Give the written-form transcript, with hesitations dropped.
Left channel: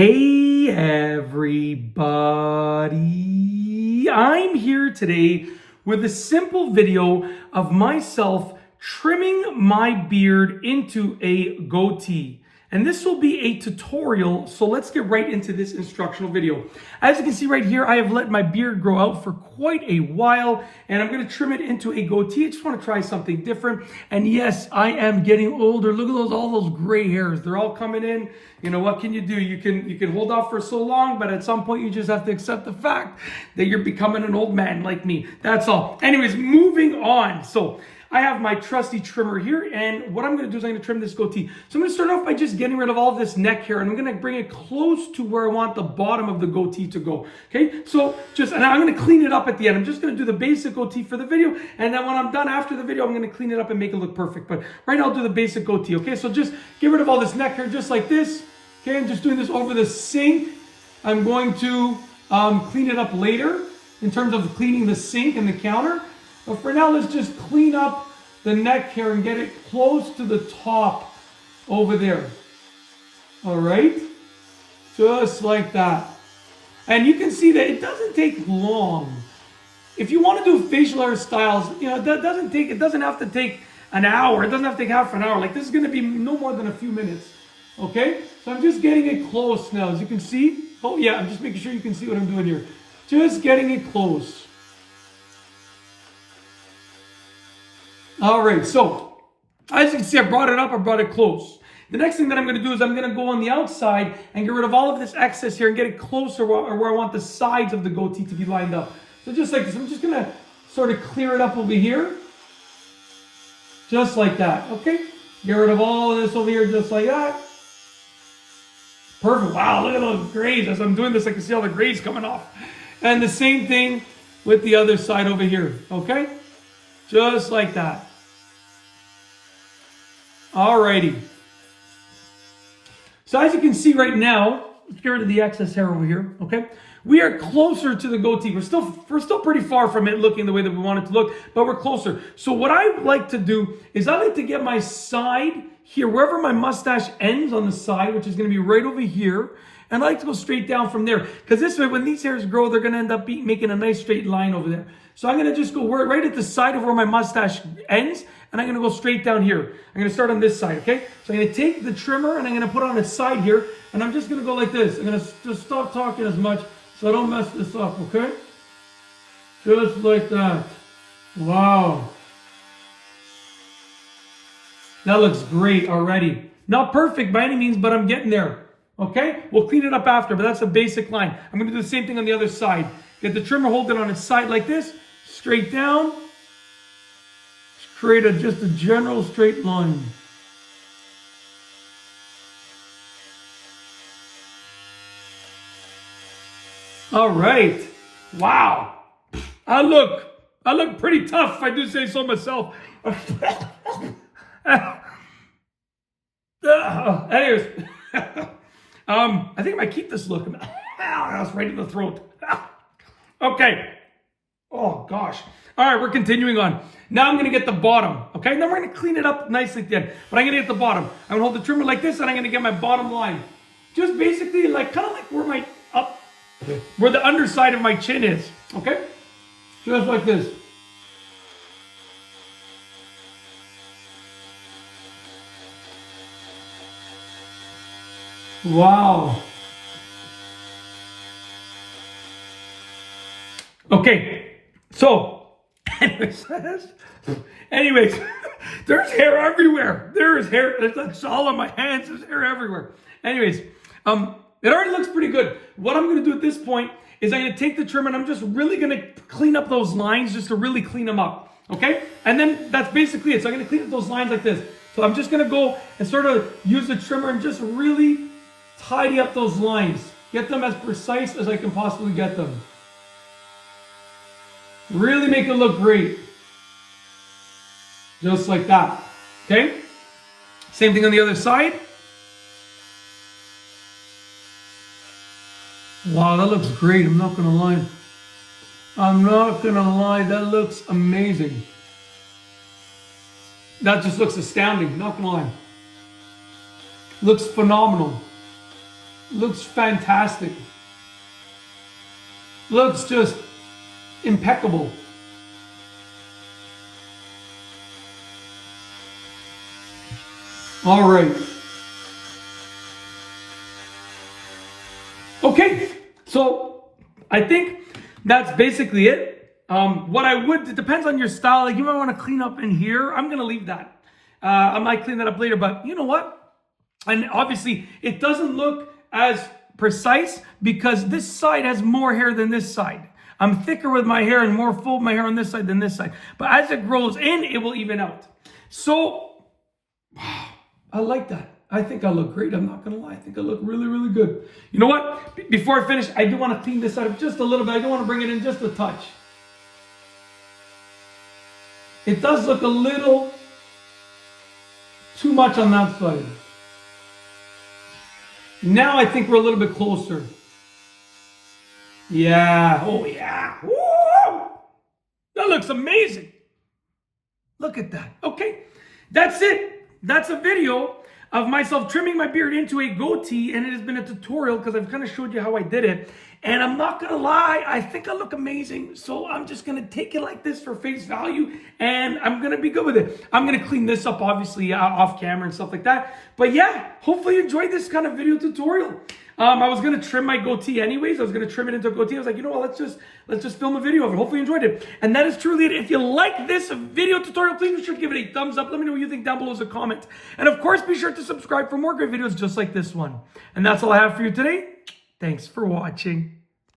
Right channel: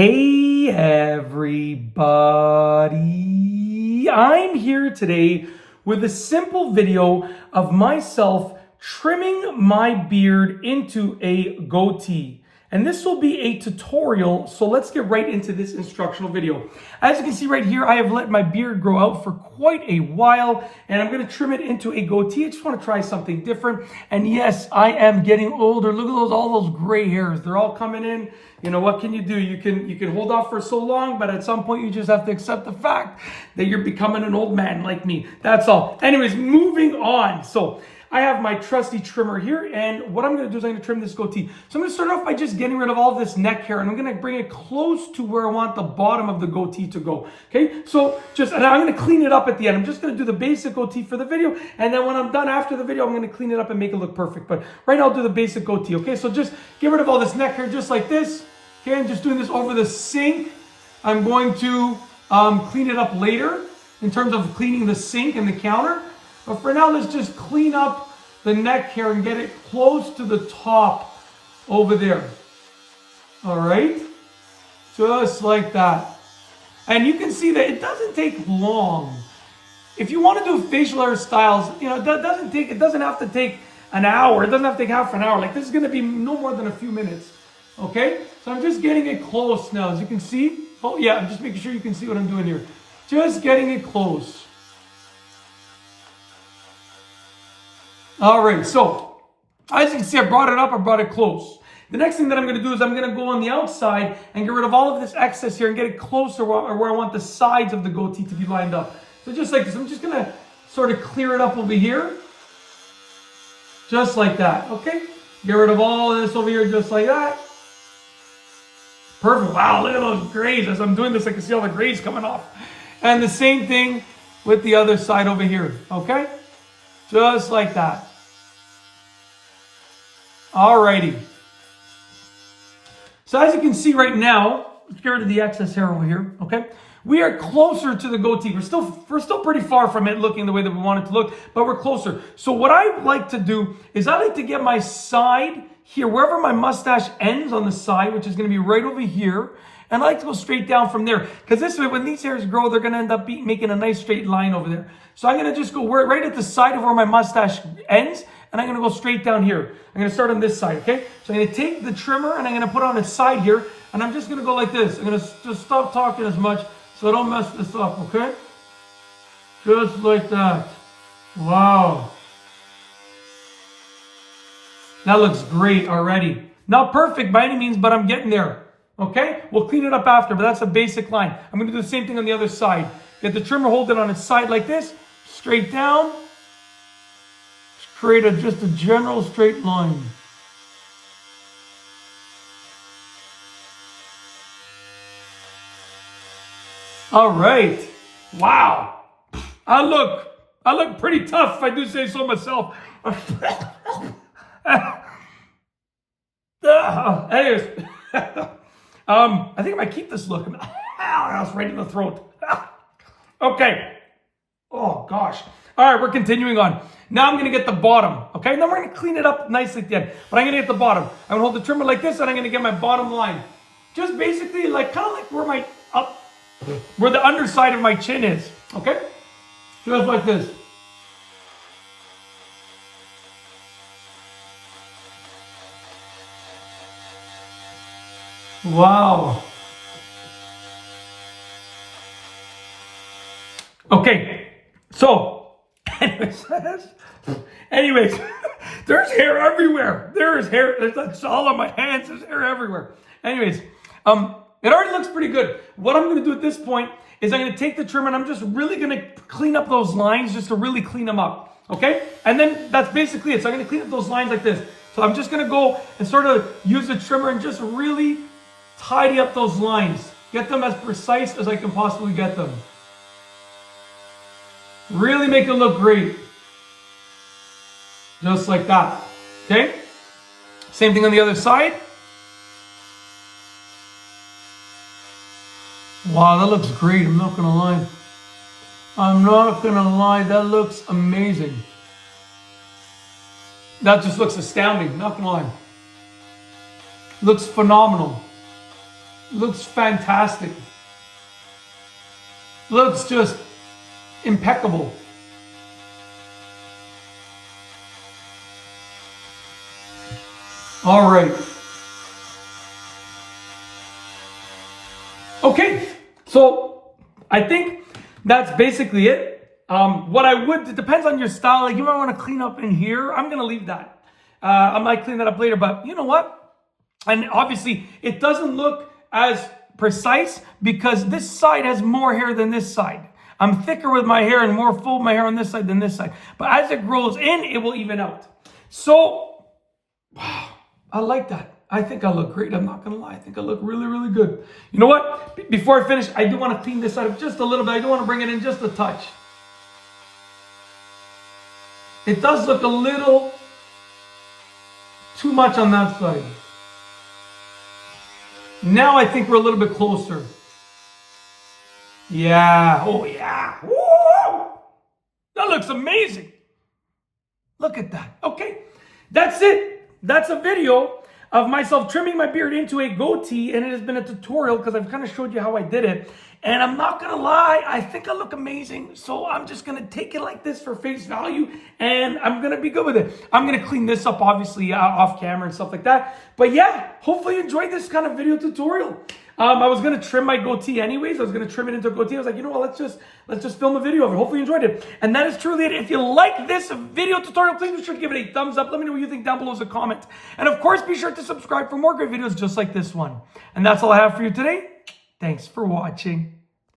Hey everybody, I'm here today with a simple video of myself trimming my beard into a goatee. And this will be a tutorial, so let's get right into this instructional video. As you can see right here, I have let my beard grow out for quite a while, and I'm gonna trim it into a goatee. I just wanna try something different. And yes, I am getting older. Look at all those gray hairs. They're all coming in. You know, what can you do? You can hold off for so long, but at some point you just have to accept the fact that you're becoming an old man like me. That's all. Anyways, moving on. So I have my trusty trimmer here, and what I'm going to do is I'm going to trim this goatee. So I'm going to start off by just getting rid of all this neck hair, and I'm going to bring it close to where I want the bottom of the goatee to go. Okay, so and I'm going to clean it up at the end. I'm just going to do the basic goatee for the video, and then when I'm done after the video, I'm going to clean it up and make it look perfect. But right now, I'll do the basic goatee. Okay, so just get rid of all this neck hair just like this. Okay, I'm just doing this over the sink. I'm going to clean it up later in terms of cleaning the sink and the counter. But for now, let's just clean up the neck hair and get it close to the top over there. All right, just like that. And you can see that it doesn't take long. If you want to do facial hairstyles, you know, it doesn't have to take an hour. It doesn't have to take half an hour. Like, this is going to be no more than a few minutes. Okay, so I'm just getting it close now. As you can see, oh yeah, I'm just making sure you can see what I'm doing here. Just getting it close. All right, so as you can see, I brought it up, I brought it close. The next thing that I'm going to do is I'm going to go on the outside and get rid of all of this excess here and get it closer where I want the sides of the goatee to be lined up. So just like this, I'm just going to sort of clear it up over here. Just like that, okay? Get rid of all of this over here just like that. Perfect. Wow, look at those grays. As I'm doing this, I can see all the grays coming off. And the same thing with the other side over here, okay? Just like that. Alrighty. So as you can see right now, let's get rid of the excess hair over here, okay? We are closer to the goatee. We're still pretty far from it looking the way that we want it to look, but we're closer. So what I like to do is I like to get my side here, wherever my mustache ends on the side, which is going to be right over here, and I like to go straight down from there, because this way, when these hairs grow, they're going to end up making a nice straight line over there. So I'm going to just go right at the side of where my mustache ends, and I'm going to go straight down here. I'm going to start on this side, okay? So I'm going to take the trimmer, and I'm going to put it on its side here, and I'm just going to go like this. I'm going to just stop talking as much so I don't mess this up, okay? Just like that. Wow. That looks great already. Not perfect by any means, but I'm getting there. Okay? We'll clean it up after, but that's a basic line. I'm going to do the same thing on the other side. Get the trimmer, hold it on its side like this, straight down. Just create just a general straight line. All right. Wow. I look pretty tough, if I do say so myself. Anyways, I think I might keep this look. That's right in the throat. Okay. Oh gosh. All right, we're continuing on. Now I'm going to get the bottom. Okay, now we're going to clean it up nicely at the end. But I'm going to get the bottom. I'm going to hold the trimmer like this, and I'm going to get my bottom line. Just basically like kind of like where the underside of my chin is. Okay, just like this. Wow. Okay, so anyways, there's hair everywhere. There is hair. That's all on my hands. There's hair everywhere. Anyways, it already looks pretty good. What I'm going to do at this point is I'm going to take the trimmer and I'm just really going to clean up those lines just to really clean them up. Okay, and then that's basically it. So I'm going to clean up those lines like this. So I'm just going to go and sort of use the trimmer and just really tidy up those lines. Get them as precise as I can possibly get them. Really make it look great. Just like that. Okay? Same thing on the other side. Wow, that looks great. I'm not going to lie. I'm not going to lie. That looks amazing. That just looks astounding. Not going to lie. Looks phenomenal. Looks fantastic. Looks just impeccable. All right. Okay, so I think that's basically it. What I would, it depends on your style. Like you might want to clean up in here. I'm going to leave that. I might clean that up later, but you know what? And obviously it doesn't look as precise because this side has more hair than this side. I'm thicker with my hair and more full of my hair on this side than this side. But as it grows in, it will even out. So, wow, I like that. I think I look great. I'm not going to lie. I think I look really, really good. You know what? Before I finish, I do want to clean this side up just a little bit. I do want to bring it in just a touch. It does look a little too much on that side. Now I think we're a little bit closer. Yeah. Oh, yeah. Woo! That looks amazing. Look at that. Okay. That's it. That's a video of myself trimming my beard into a goatee, and it has been a tutorial because I've kind of showed you how I did it. And I'm not gonna lie, I think I look amazing, so I'm just gonna take it like this for face value, and I'm gonna be good with it. I'm gonna clean this up, obviously, off camera and stuff like that. But yeah, hopefully you enjoyed this kind of video tutorial. I was gonna trim my goatee anyways. I was gonna trim it into a goatee. I was like, you know what? Let's just film a video of it. Hopefully you enjoyed it. And that is truly it. If you like this video tutorial, please be sure to give it a thumbs up. Let me know what you think down below as a comment. And of course, be sure to subscribe for more great videos just like this one. And that's all I have for you today. Thanks for watching.